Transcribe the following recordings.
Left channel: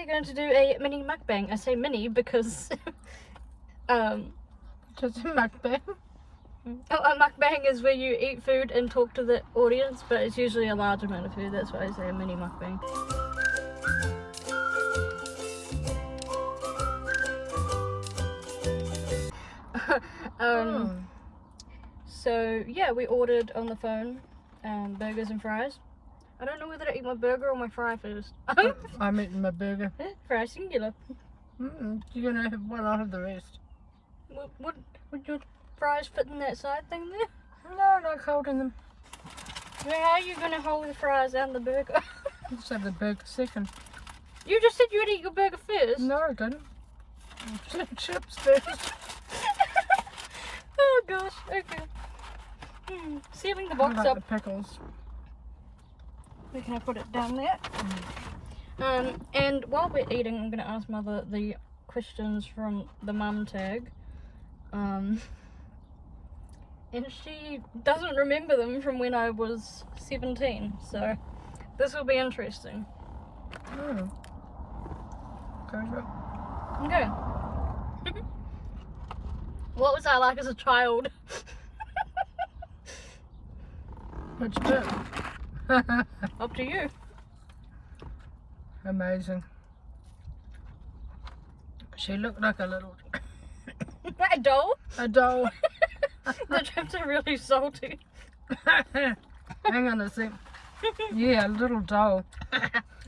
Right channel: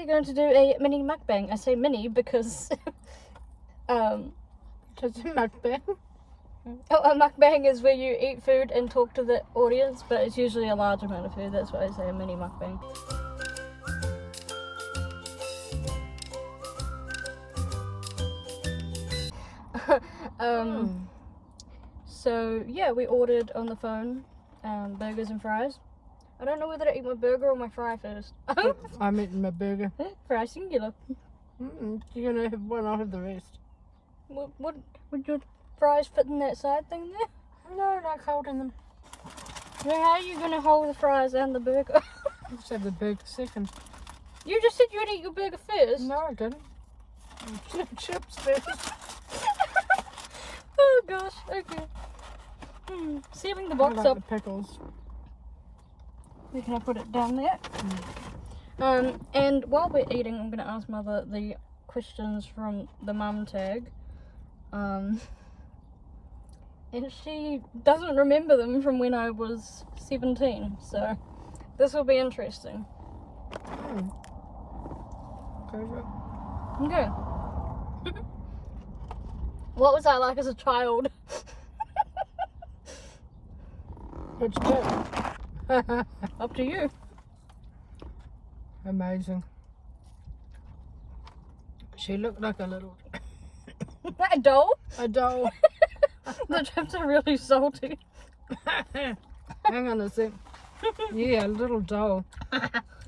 we're going to do a mini mukbang. I say mini because Just a mukbang. a mukbang is where you eat food and talk to the audience, but it's usually a large amount of food. That's why I say a mini mukbang. So yeah, we ordered on the phone burgers and fries. I don't know whether to eat my burger or my fry first. I'm eating my burger. Fry singular. You're gonna have one, I'll have the rest. Would your fries fit in that side thing there? No, I like holding them. Yeah, how are you gonna hold the fries and the burger? Let's have the burger second. You just said you would eat your burger first. No, I didn't. Chips first. Oh gosh, okay. Sealing the box I like up. the pickles. We're gonna put it down there. And while we're eating, I'm gonna ask Mother the questions from the mum tag. And she doesn't remember them from when I was 17, so this will be interesting. Go for it. Okay. What was I like as a child? Which bit? Up to you. Amazing. She looked like a little... A doll? a doll. The chips are really salty. Hang on a sec. Yeah, a little doll.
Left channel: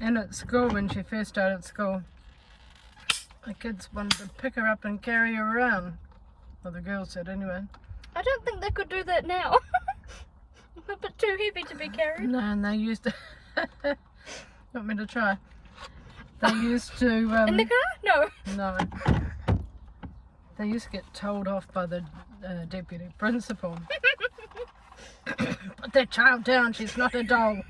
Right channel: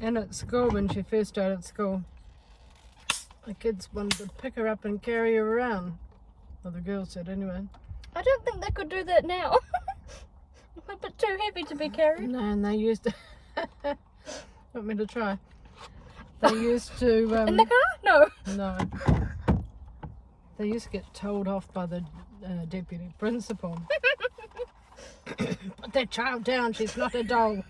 And at school, when she first started school, the kids wanted to pick her up and carry her around. Well, the girls did anyway. I don't think they could do that now. A bit too heavy to be carried. No, and they used to... Want me to try? They used to... In the car? No. No. They used to get told off by the deputy principal. Put that child down, she's not a doll.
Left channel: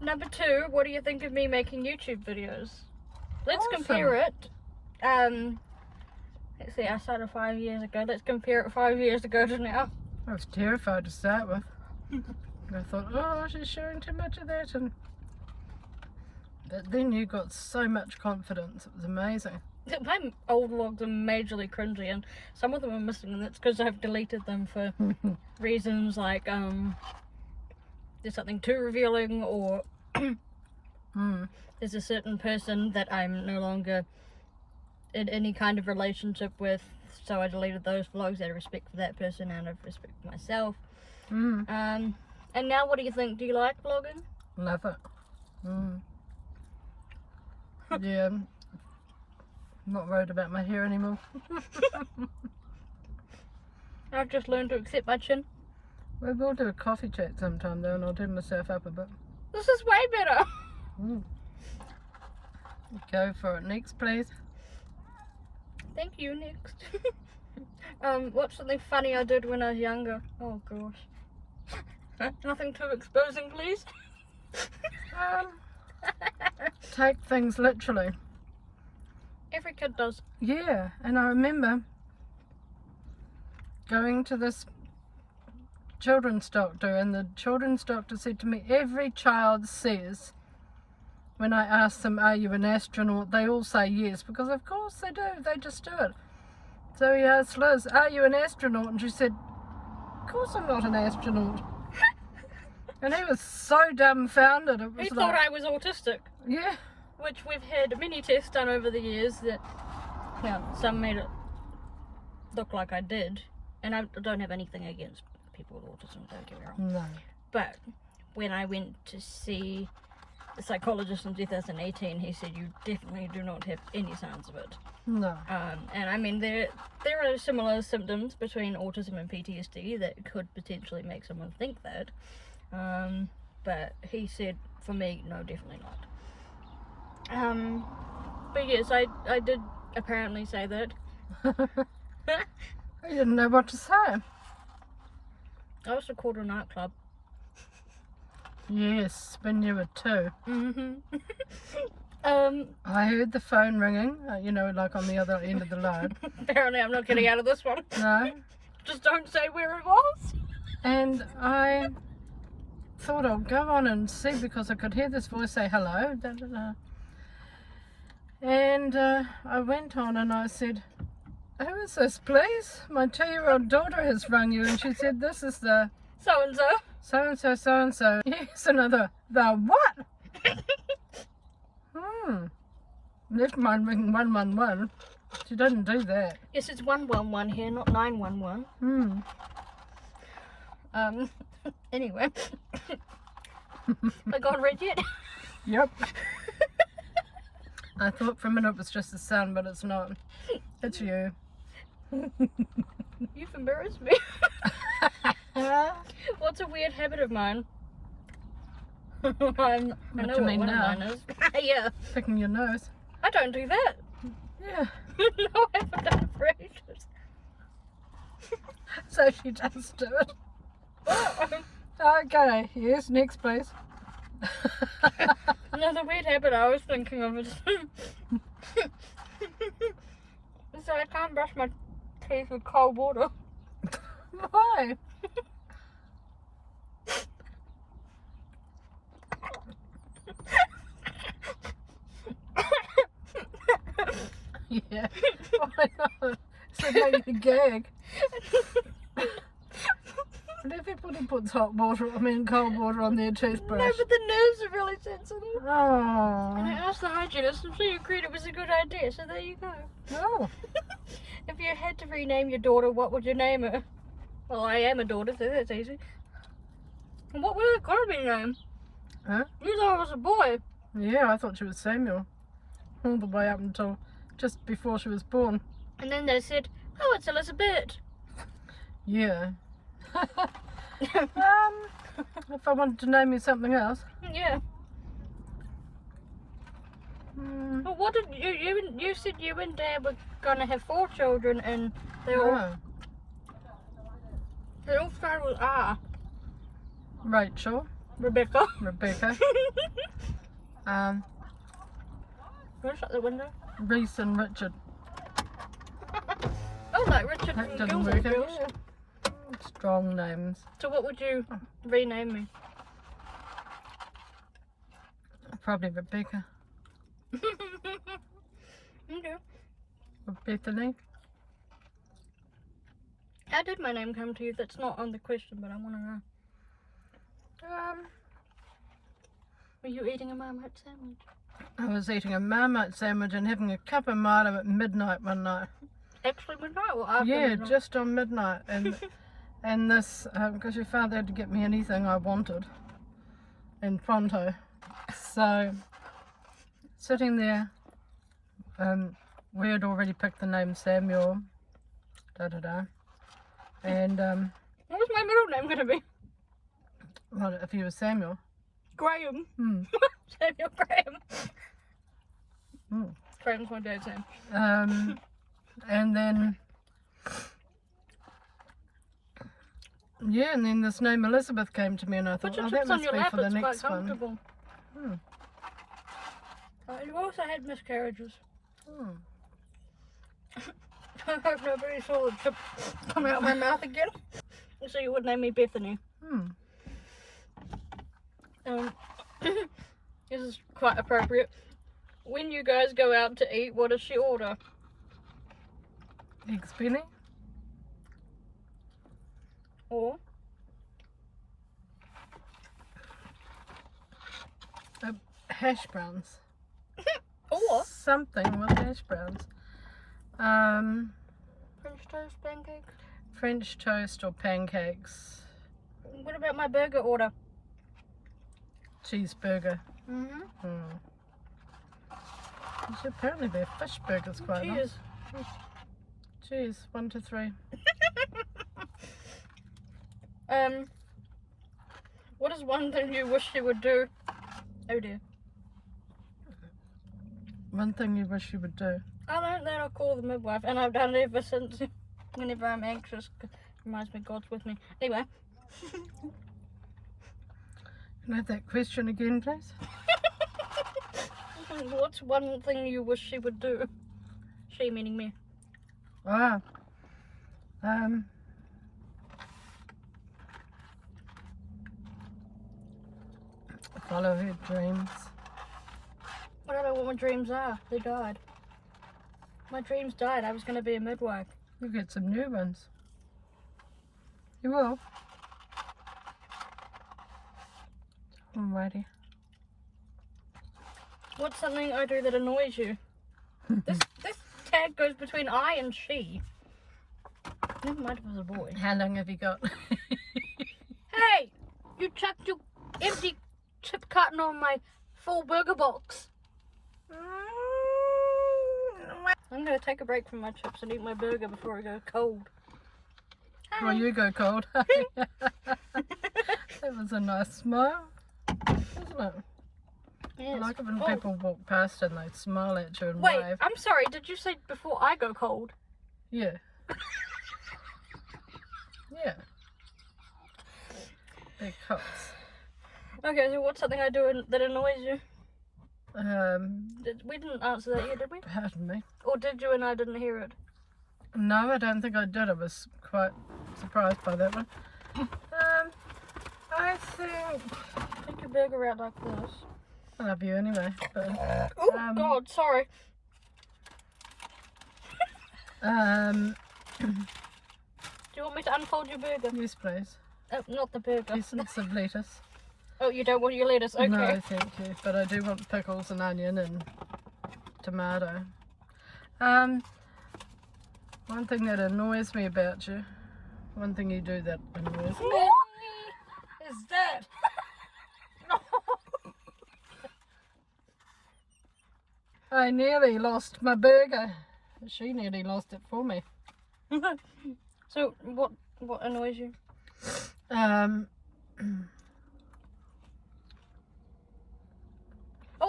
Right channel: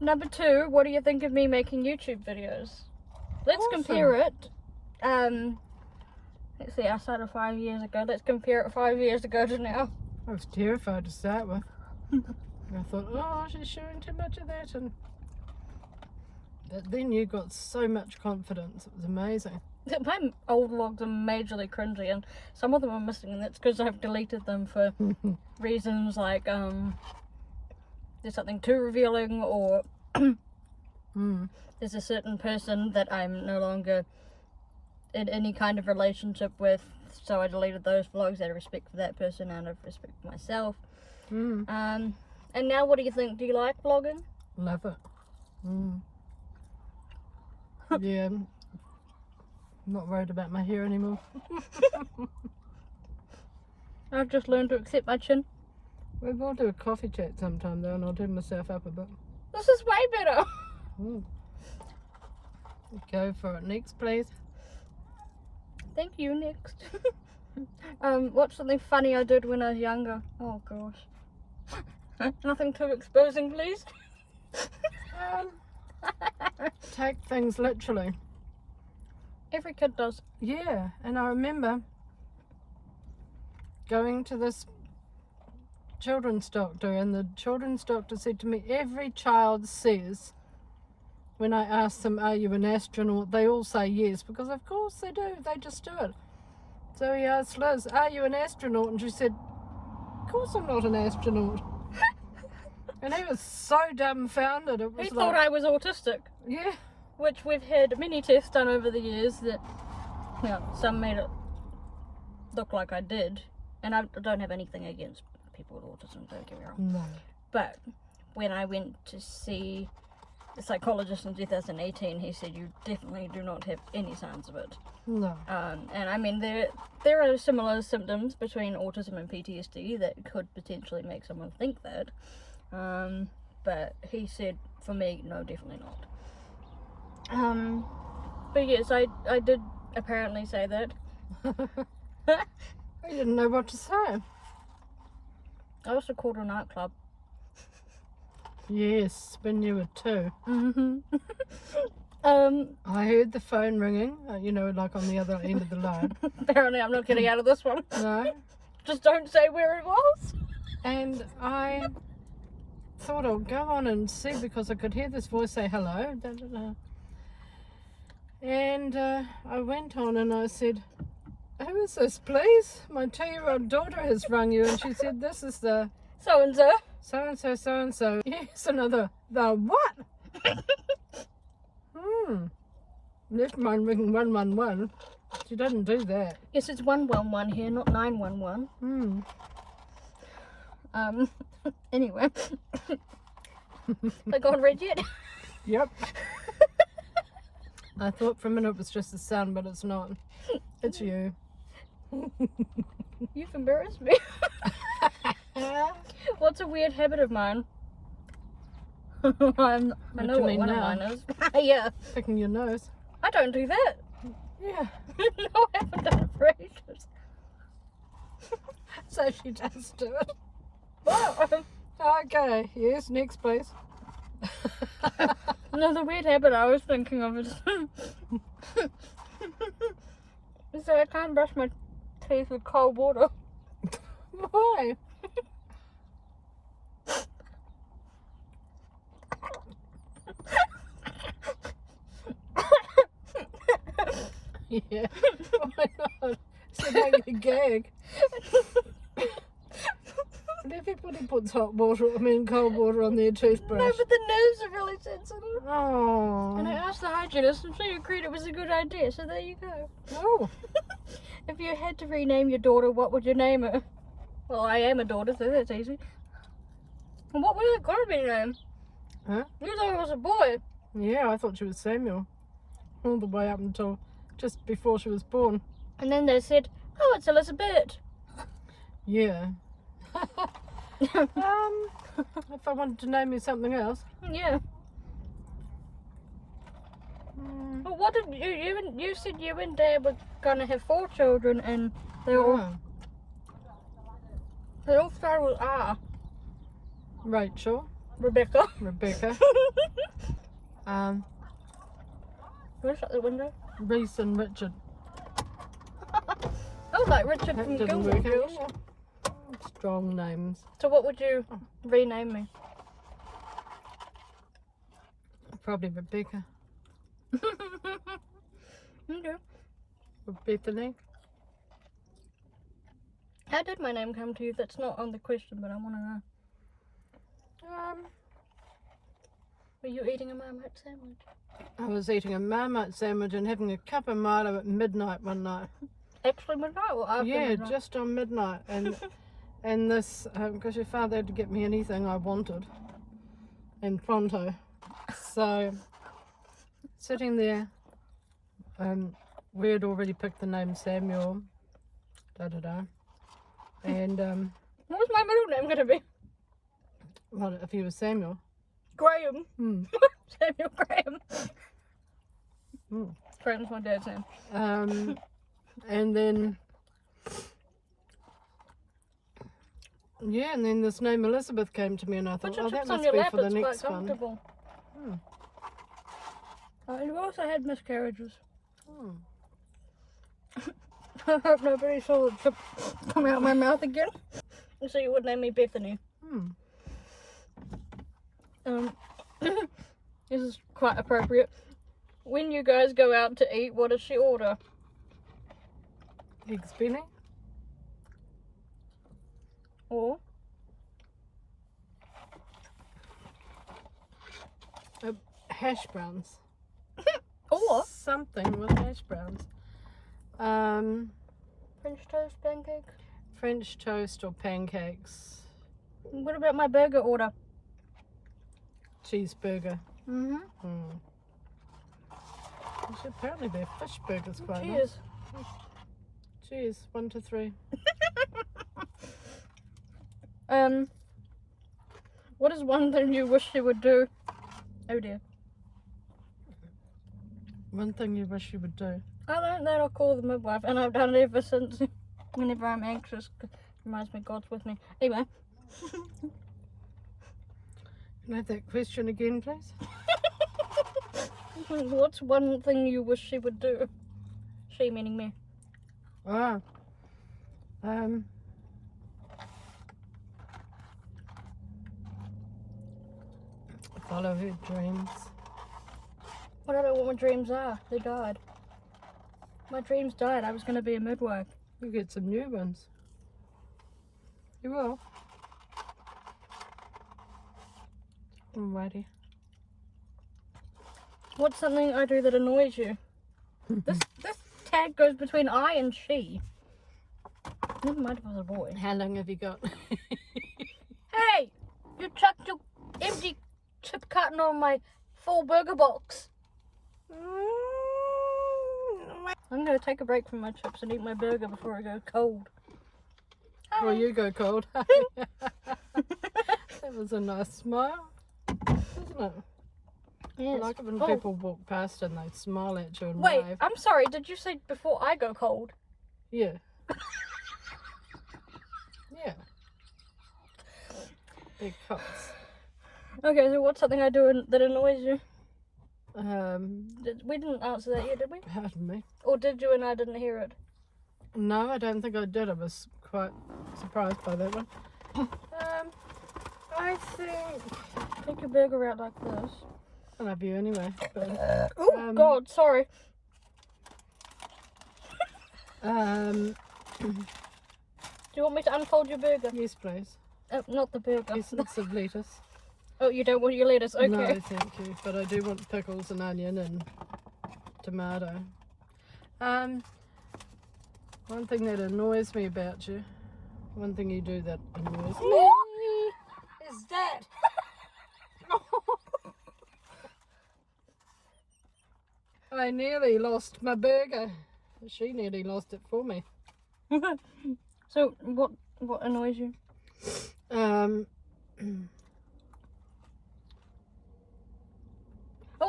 Number 2, what do you think of me making YouTube videos? Let's Awesome. compare it. Let's see, I started 5 years ago. Let's compare it 5 years ago to now. I was terrified to start with. And I thought, oh, she's showing too much of that. But then you got so much confidence. It was amazing. My old vlogs are majorly cringy, and some of them are missing, and that's because I've deleted them for reasons like there's something too revealing, or there's a certain person that I'm no longer in any kind of relationship with, so I deleted those vlogs out of respect for that person and out of respect for myself. And now what do you think? Do you like vlogging? Love it. Yeah. I'm not worried about my hair anymore. I've just learned to accept my chin. We will do a coffee chat sometime though, and I'll turn myself up a bit. This is way better. Go for it. Next, please. Thank you. Next. What's something funny I did when I was younger? Oh gosh. Nothing too exposing, please. Take things literally. Every kid does. Yeah, and I remember going to this children's doctor, and the children's doctor said to me, every child says, when I ask them, are you an astronaut, they all say yes, because of course they do, they just do it. So he asked Liz, are you an astronaut? And she said, of course I'm not an astronaut. And he was so dumbfounded. It was He thought I was autistic. Yeah. Which we've had many tests done over the years that, you know, some made it look like I did. And I don't have anything against people with autism, don't get me wrong. No. But when I went to see the psychologist in 2018, he said you definitely do not have any signs of it. No. And I mean, there are similar symptoms between autism and PTSD that could potentially make someone think that. But he said, for me, no, definitely not. But yes, I did apparently say that. I didn't know what to say. I was called a nightclub. Yes, when you were 2. I heard the phone ringing, you know, like on the other end of the line. Apparently I'm not getting out of this one. No. Just don't say where it was. And I thought I'll go on and see because I could hear this voice say hello. Da, da, da. And I went on and I said, who is this, please? My 2-year-old daughter has rung you. And she said, this is the So-and-so. so-and-so, so-and-so. Yes, another, the what? Left mine ringing 111. She doesn't do that. Yes, it's 111 here, not 911. Anyway. I got red yet. Yep. I thought for a minute it was just the sun, but it's not. It's you. You've embarrassed me. What's a weird habit of mine? I know you what mean one now? of mine is. Yeah. Picking your nose. I don't do that. Yeah. No, I haven't done it for ages. So she does do it. Okay, yes, next please. No, the weird habit I was thinking of is so I can't brush my teeth with cold water. Why? Yeah. Why not? So now you gag. And everybody puts cold water on their toothbrush. No, but the nerves are really sensitive. And I Oh. asked the hygienist and she agreed it was a good idea, so there you go. Oh. If you had to rename your daughter, what would you name her? Well, I am a daughter, so that's easy. And what was it gonna be named? Huh? You thought it was a boy. Yeah, I thought she was Samuel. All the way up until just before she was born. And then they said, oh, it's Elizabeth. Yeah. If I wanted to name you something else. Yeah. Mm. Well, what did you said you and Dad were gonna have 4 children, and they all started with R. Rachel, Rebecca. Rebecca, Can you shut the window? Reese and Richard. Oh, like Richard That from didn't Gilmore work Girls. out. Strong names. So what would you rename me? Probably Rebecca. Okay. Or Bethany. How did my name come to you? That's not on the question, but I want to know. Were you eating a Marmite sandwich? I was eating a Marmite sandwich and having a cup of Milo at midnight one night. Actually midnight or after Yeah, midnight? just on midnight. And this, because your father had to get me anything I wanted in pronto. So, sitting there, we had already picked the name Samuel, and What was my middle name going to be? well, if he was Samuel, Graham. Samuel Graham. Mm. Graham's my dad's name. And then, yeah, and then this name Elizabeth came to me, and I thought, Put your oh, that chips on must your be lap, for the it's next quite one. comfortable. Oh, and you also had miscarriages. I hope nobody saw the chip come out of my mouth again. So you would name me Bethany. This is quite appropriate. When you guys go out to eat, what does she order? Eggs Benny? Or Hash browns. or Something with hash browns. French toast pancakes. French toast or pancakes. What about my burger order? Cheeseburger. Mm-hmm. Apparently their fish burgers quite nice. Cheers. Cheers. 1 to 3. What is one thing you wish she would do? Oh dear. One thing you wish you would do. I learned that I'll call the midwife, and I've done it ever since. Whenever I'm anxious, 'cause it reminds me God's with me. Anyway. Can I have that question again, please? What's one thing you wish she would do? She meaning me. Follow her dreams. I don't know what my dreams are. They died. My dreams died. I was going to be a midwife. You get some new ones. You will. Alrighty. What's something I do that annoys you? This tag goes between I and she. Never mind if it was a boy. How long have you got? Hey! You chucked your empty chip carton on my full burger box. I'm going to take a break from my chips and eat my burger before I go cold. Well, you go cold. That was a nice smile, wasn't it? Yes. I like it when Oh, people walk past and they smile at you and wait, wave. I'm sorry. Did you say before I go cold? Yeah. Yeah. Because Okay, so what's something I do that annoys you? We didn't answer that yet, did we? pardon me. Or did you and I didn't hear it? No, I don't think I did. I was quite surprised by that one. I think Take your burger out like this. I love you anyway. But Oh, God, sorry. um, Do you want me to unfold your burger? yes, please. Oh, not the burger. Essence of lettuce. Oh, you don't want your lettuce? Okay. No, thank you. But I do want pickles and onion and tomato. One thing that annoys me about you, one thing you do that annoys me is that. I nearly lost my burger. She nearly lost it for me. So, what annoys you? Oh,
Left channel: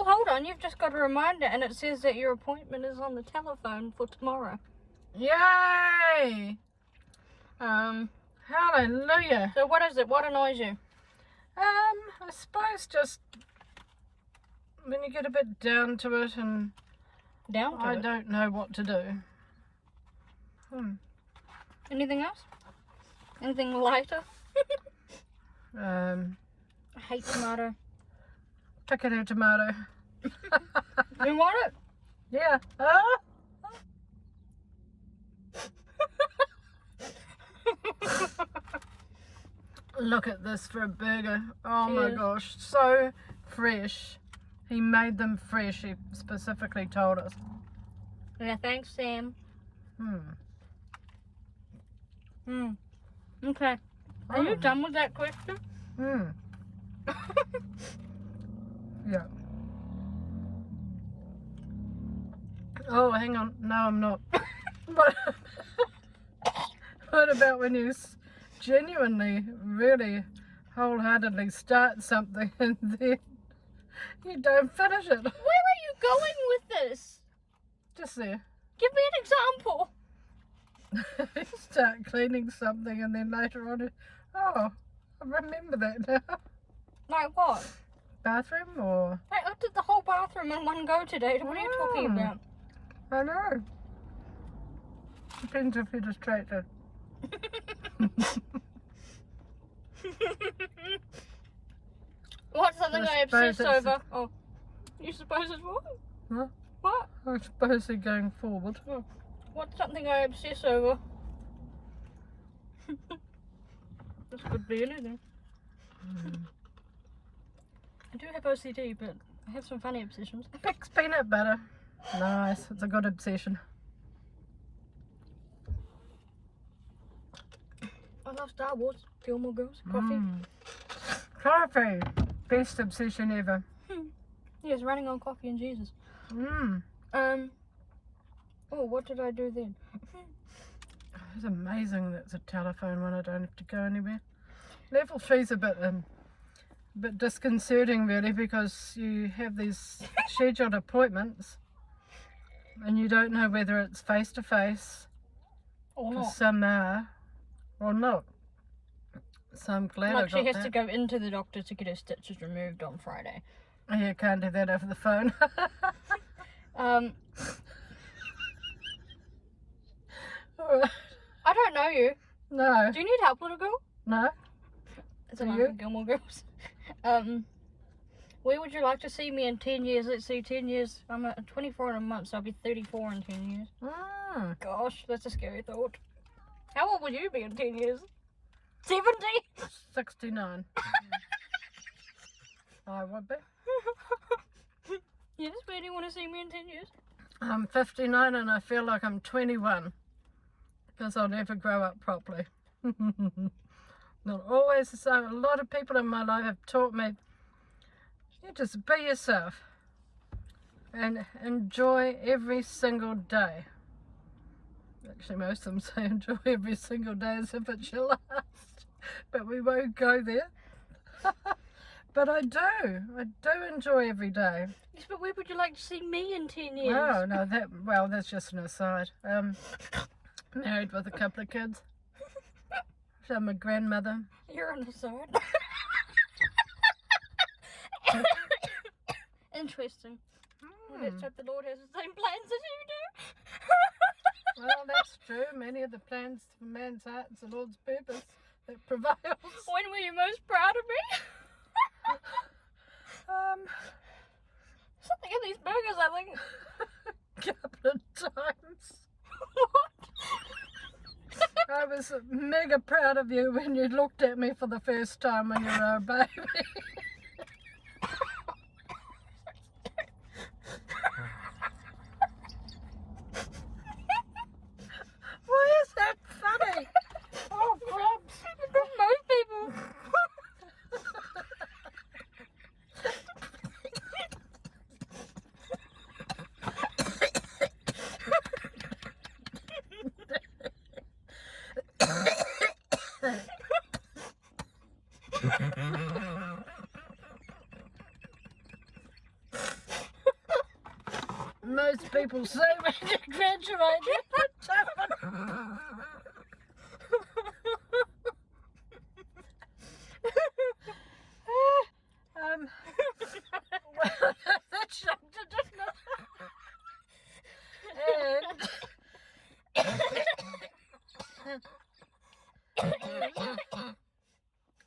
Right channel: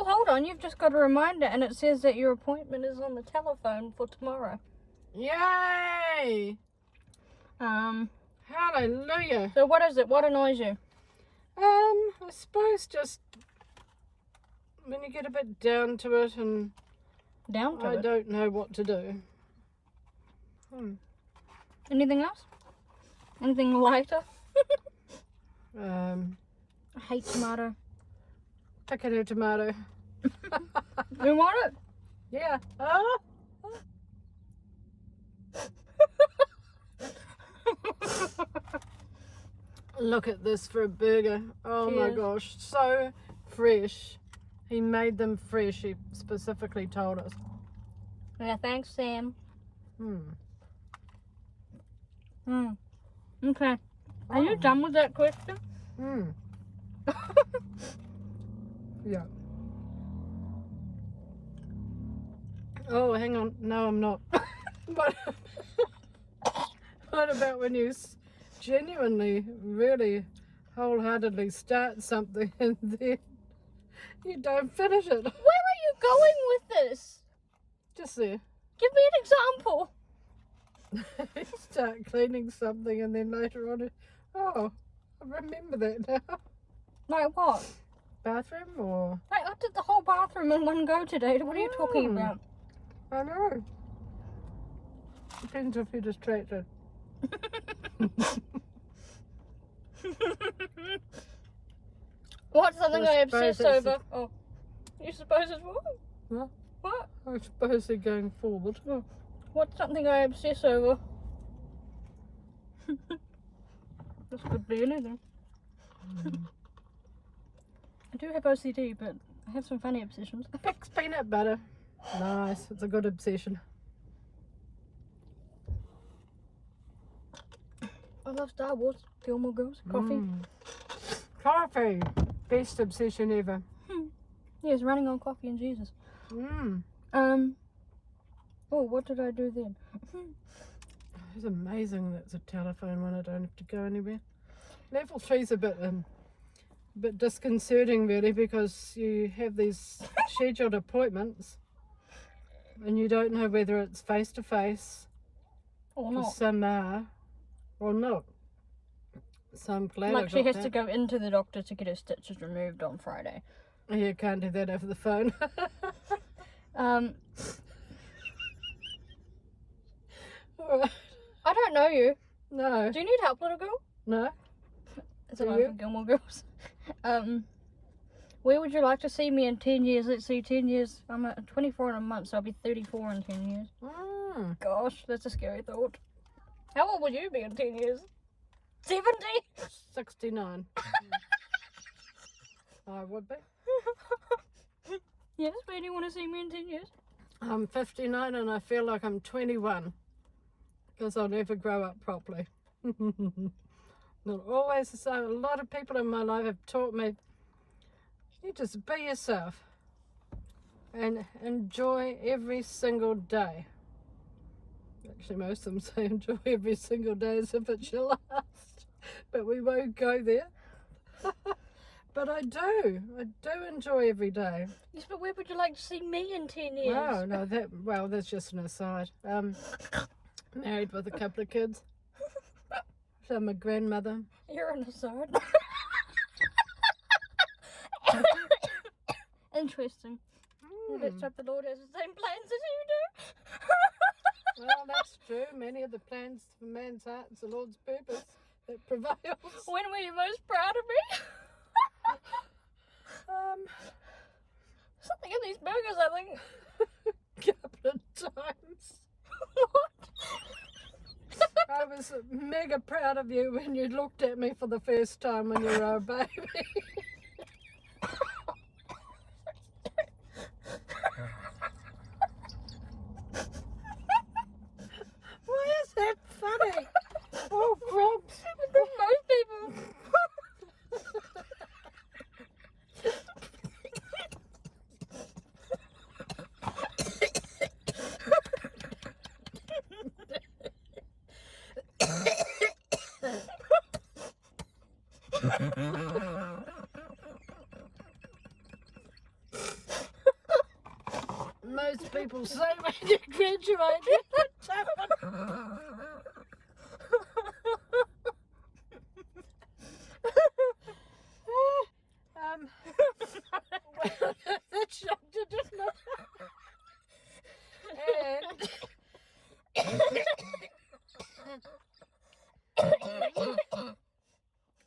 hold on. You've just got a reminder, and it says that your appointment is on the telephone for tomorrow. Yay! Hallelujah. So what is it? What annoys you? I suppose just when you get a bit down to it and Down to I it. don't know what to do. Anything else? Anything lighter? I I hate tomato. Potato tomato. You want it? Yeah. Oh. Look at this for a burger. Oh my Cheers. gosh. So fresh. He made them fresh. He specifically told us. Yeah, thanks, Sam. Okay. Are you done with that question? Yeah. Oh, hang on. No, I'm not. What about when you genuinely, really, wholeheartedly start something and then you don't finish it? Where are you going with this? Just there. Give me an example. You start cleaning something and then later on, oh, I remember that now. Like what? Bathroom or? Like, I did the whole bathroom in one go today. What are you talking about? I know. Depends if you're distracted. What's something I I suppose obsess it's over? Oh, you suppose it's what? Huh? What? I suppose they're going forward. Oh. What's something I obsess over? This could be anything. I do have OCD, but I have some funny obsessions. Pig's peanut butter. Nice. It's a good obsession. I love Star Wars. Gilmore Girls. Coffee. Coffee. Best obsession ever. Yes, running on coffee and Jesus. Oh, what did I do then? It's amazing that's a telephone one. I don't have to go anywhere. Level 3's a bit disconcerting really, because you have these scheduled appointments and you don't know whether it's face to face, Or because not. some are, or not. So I'm glad Like I she got has that. to go into the doctor to get her stitches removed on Friday. You can't do that over the phone. I don't know you. No. Do you need help, little girl? No. It's a Do line you? from Gilmore Girls. Where would you like to see me in 10 years? Let's see, 10 years. I'm 24 in a month, so I'll be 34 in 10 years. Gosh, that's a scary thought. How old would you be in 10 years? 70? 69. I would be. Yes, where do you want to see me in 10 years? I'm 59 and I feel like I'm 21 because I'll never grow up properly. Not always the same. A lot of people in my life have taught me, you just be yourself and enjoy every single day. Actually, most of them say enjoy every single day as if it's your last, but we won't go there. But I do enjoy every day. Yes, but where would you like to see me in 10 years? Oh, no, that's just an aside. Married with a couple of kids. So I'm a grandmother. You're on the side. Interesting. Well, let's hope the Lord has the same plans as you do. Well, that's true. Many of the plans for man's heart is the Lord's purpose that prevails. When were you most proud of me? Something in these burgers, I think. Couple of times. What? I was mega proud of you when you looked at me for the first time when you were a baby. Why is that funny? Oh, crap. Most people. Most people say when you graduate, well, that shocked you, didn't it?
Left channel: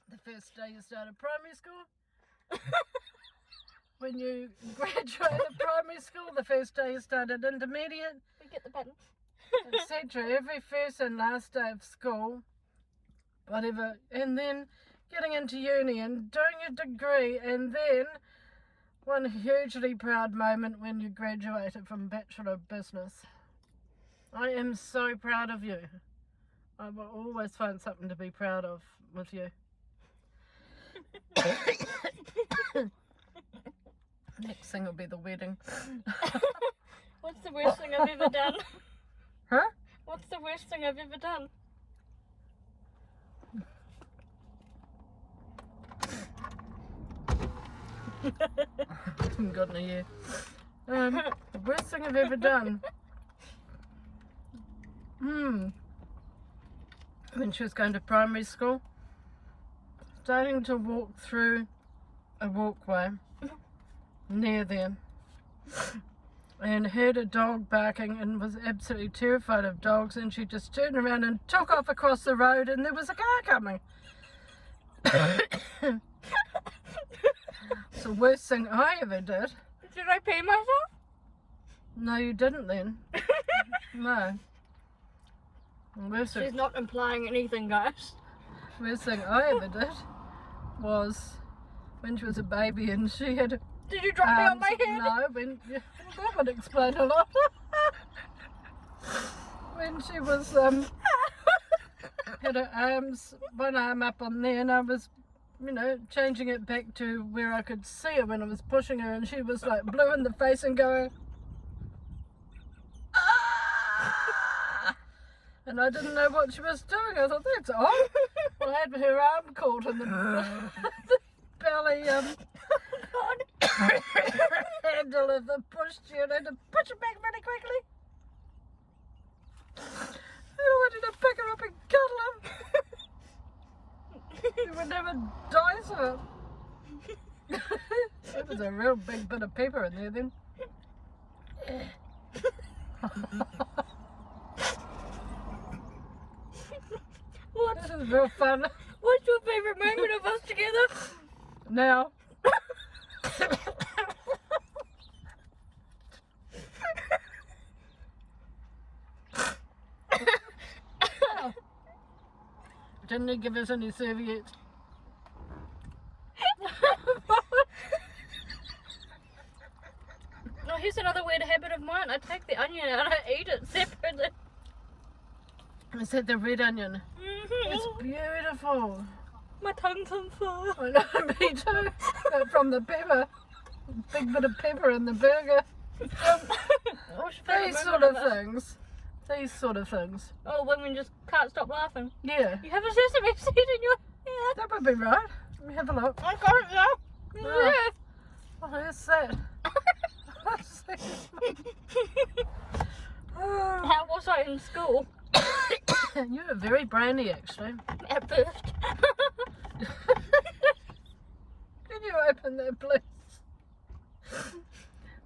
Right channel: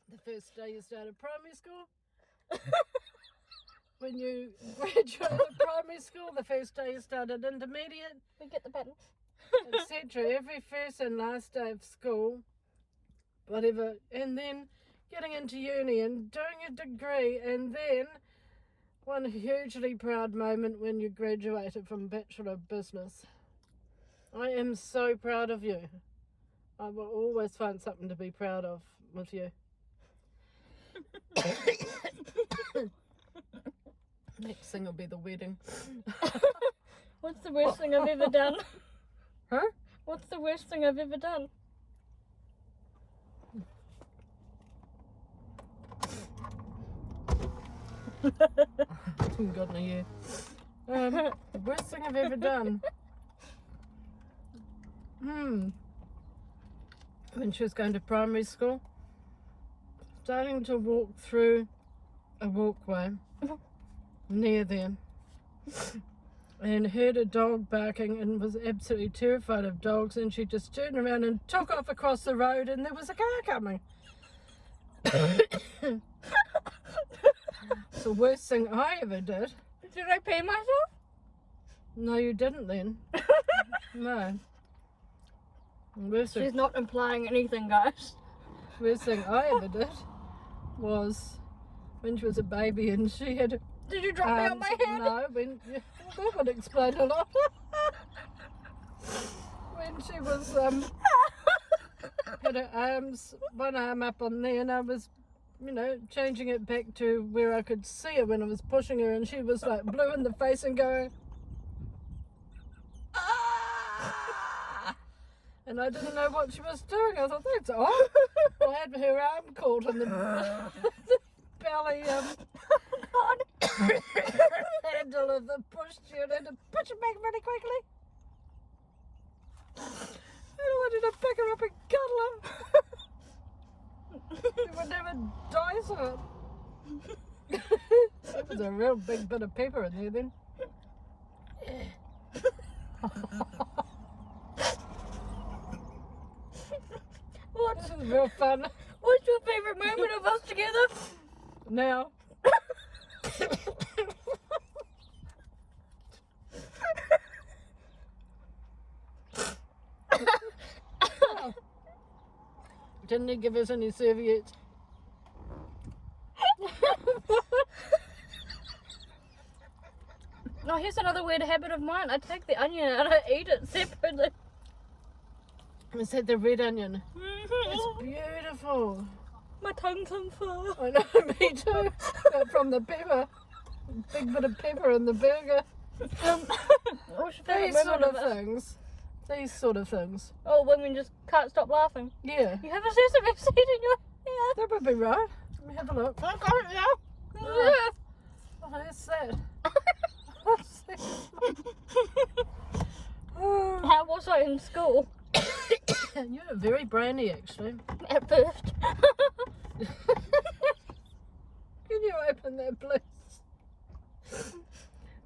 And the first day you started primary school, when you graduated primary school, the first day you started intermediate, We get the button. etc. Every first and last day of school, whatever, and then getting into uni and doing a degree, and then one hugely proud moment when you graduated from Bachelor of Business. I am so proud of you. I will always find something to be proud of with you. Next thing will be the wedding. What's the worst thing I've ever done? Huh? What's the worst thing I've ever done? Haven't gotten a year. The worst thing I've ever done. When she was going to primary school, starting to walk through a walkway near them, and heard a dog barking and was absolutely terrified of dogs, and she just turned around and took off across the road, and there was a car coming. It's the worst thing I ever did. Did I pee myself? No, you didn't then. No. She's not implying anything, guys. Worst thing I ever did was when she was a baby and she had. Did you drop me on my head? No, that would explain a lot. When she was had her arms, one arm up on there, and I was, changing it back to where I could see her when I was pushing her, and she was like blue in the face and going, ah! And I didn't know what she was doing. I thought, that's odd. I had her arm caught in the belly handle of the pushchair, and I had to push it back really quickly. And I wanted to pick her up and cuddle her. She would never die, so that was a real big bit of pepper in there then. This is real fun. What's your favourite moment of us together? Now. Didn't he give us any serviettes? Oh, here's another weird habit of mine. I take the onion and I eat it separately. Is that the red onion? It's beautiful. My tongue's on fire. I know, me too. From the pepper. Big bit of pepper in the burger. These sort of things. These sort of things. Oh, when we just can't stop laughing. Yeah. You have a sesame seed in your hair. That would be right. Let me have a look. I can't now. Oh. What is that? What's that? Oh. How was I in school? You were very brainy, actually. At first. Can you open that, please?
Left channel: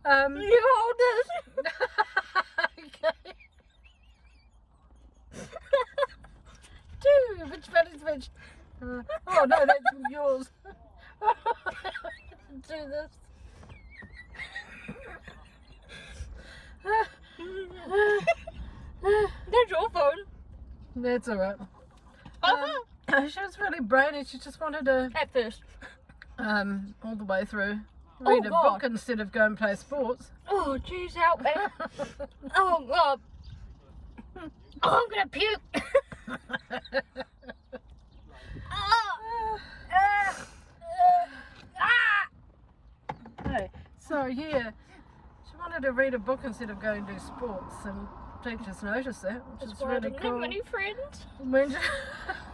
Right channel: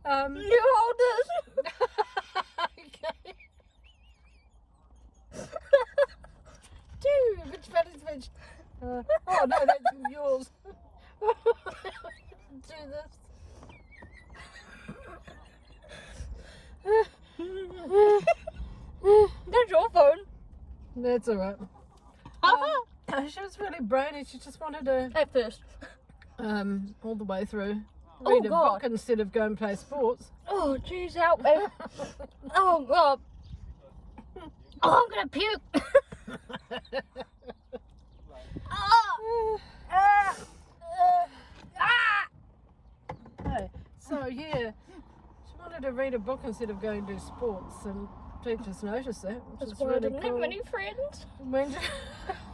You hold this. Okay. Two. Which one is which? Oh no, that's yours. Do this. That's your phone. That's alright. She was really brainy. She just wanted to, At first. all the way through, read a book instead of go and play sports. Oh, jeez, help me. Oh, God. Oh, I'm going to puke. Hey, so yeah, she wanted to read a book instead of going to do sports, and teachers noticed that, which That's is why I really didn't cool. have many friends. When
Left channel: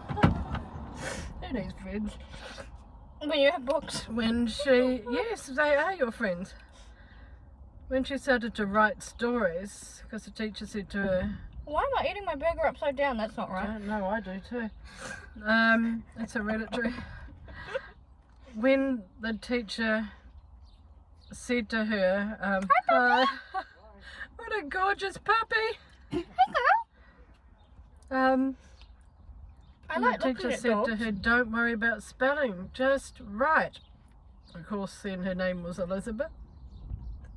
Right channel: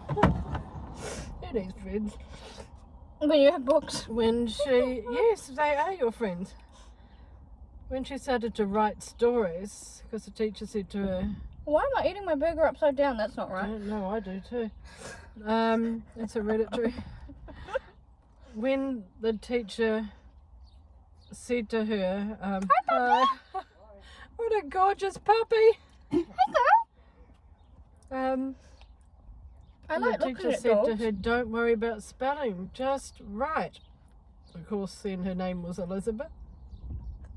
who needs friends? When you have books. When she, yes, they are your friends. When she started to write stories, because the teacher said to her, Why am I eating my burger upside down? That's not I right. don't know, I do too. It's hereditary. When the teacher said to her, "Hi, what a gorgeous puppy!" Hey, girl. I the like looking teacher at said dogs. to her, "Don't worry about spelling, just write." Of course, then her name was Elizabeth.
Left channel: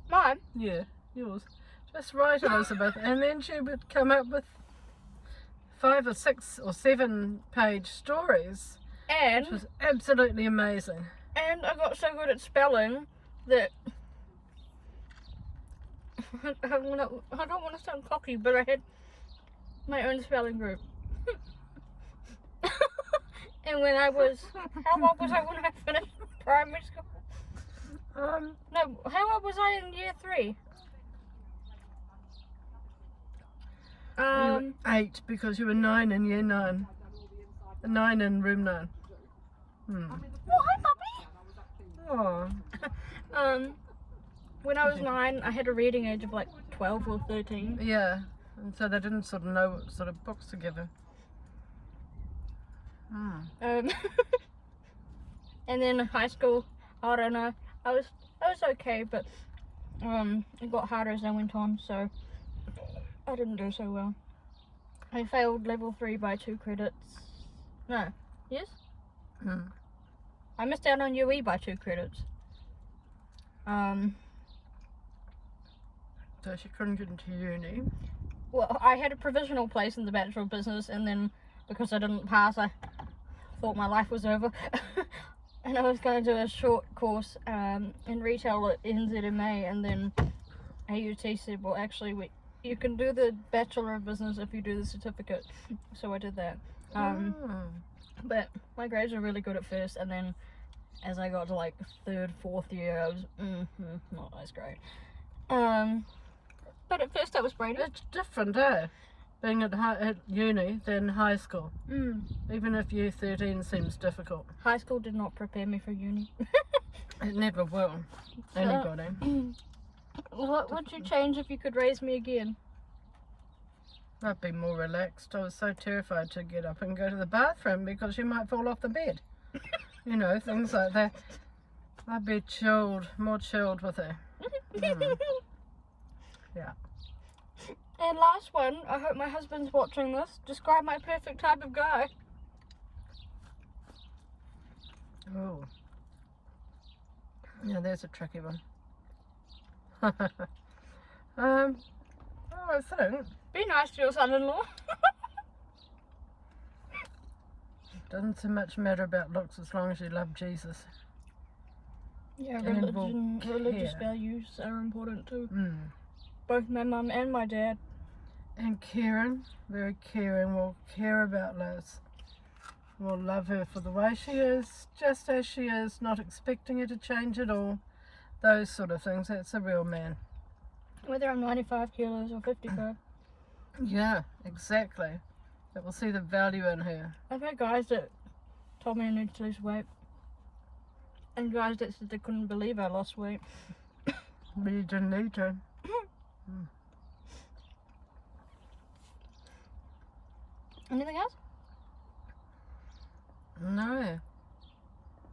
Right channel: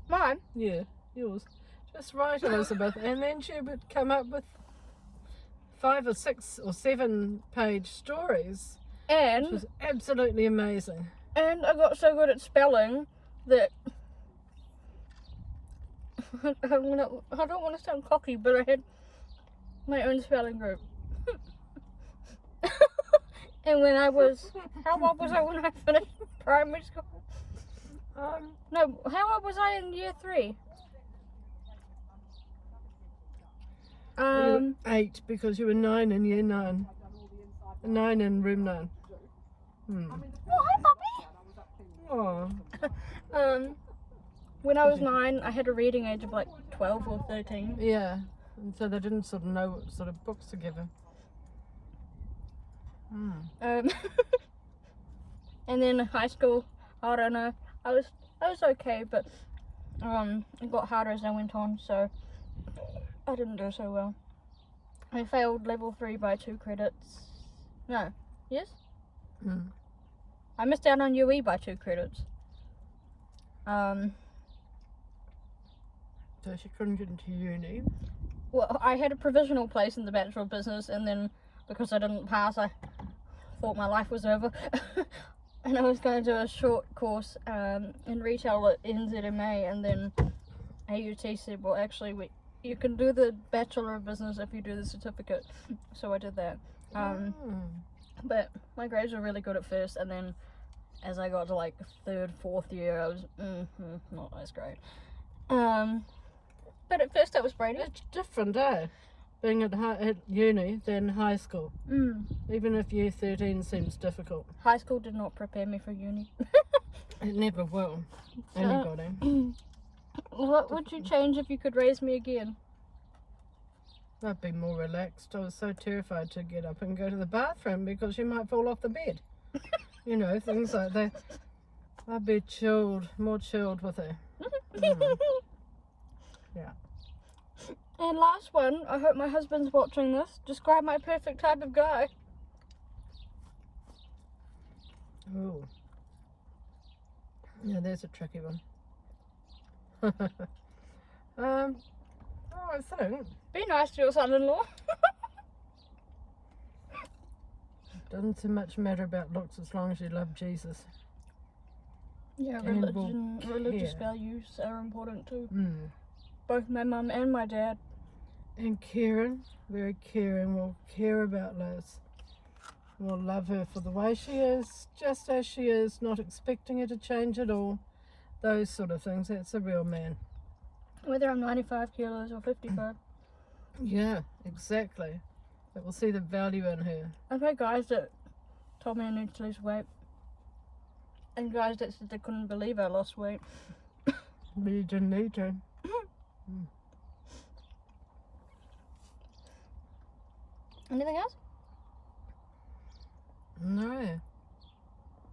Mine. Yeah, yours. Just write Elizabeth, and then she would come up with 5 or 6 or 7 page stories, And which was absolutely amazing. I got so good at spelling that I don't want to sound cocky, but I had my own spelling group. And when I was, how old was I when I finished primary school? No, how old was I in year 3? You were 8 because you were 9 in year 9. 9 in room 9. Oh, hi, puppy. Oh, When I was 9, I had a reading age of like 12 or 13. yeah. And so they didn't sort of know what sort of books to give her. And then in high school, I don't know. I was okay, but it got harder as I went on, so I didn't do so well. I failed level 3 by 2 credits. No, yes? I missed out on UE by 2 credits. So she couldn't get into uni. Well, I had a provisional place in the Bachelor of Business, and then because I didn't pass, I thought my life was over. And I was going to do a short course in retail at NZMA, and then AUT said, well, actually, you can do the Bachelor of Business if you do the certificate. So I did that. But my grades were really good at first, and then as I got to like 3rd, 4th year, I was not as great. But at first I was brainy. It's different, eh? Being at uni than high school. Even if year 13 seems difficult. High school did not prepare me for uni. It never will. Anybody. What would you change if you could raise me again? I'd be more relaxed. I was so terrified to get up and go to the bathroom because you might fall off the bed. You know, things like that. I'd be chilled, more chilled with it. Yeah. And last one, I hope my husband's watching this. Describe my perfect type of guy. Oh. Yeah, there's a tricky one. I think Be nice to your son-in-law. doesn't so much matter about looks as long as you love Jesus. Yeah, And will religious care. values are important too. Mm. Both my mum and my dad. And caring, very caring, will care about Liz. Will love her for the way she is, just as she is, not expecting her to change at all. Those sort of things. That's a real man. Whether I'm 95 kilos or 55. Yeah, exactly. That will see the value in her. I've had guys that told me I need to lose weight. And guys that said they couldn't believe I lost weight. But you didn't need to. Anything else? No.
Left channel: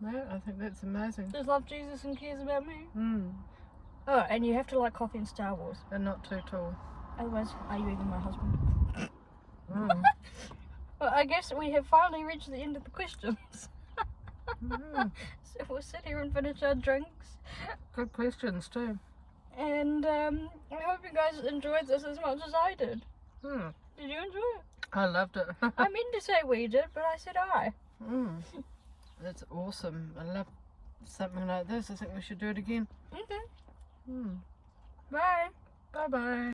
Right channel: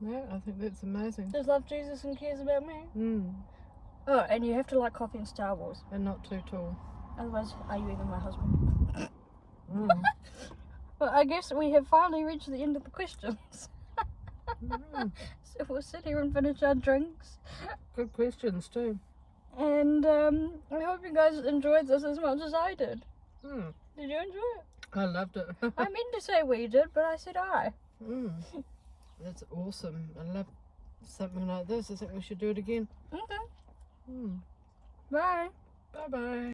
No, I think that's amazing. Just love Jesus and cares about me. Mm. Oh, and you have to like coffee and Star Wars. And not too tall. Otherwise, are you even my husband? Mm. Well, I guess we have finally reached the end of the questions. Mm. So we'll sit here and finish our drinks. Good questions too. And I hope you guys enjoyed this as much as I did. Mm. Did you enjoy it? I loved it. I meant to say we did, but I said I. Mm. That's awesome. I love something like this. I think we should do it again. Okay. Mm. Bye. Bye bye.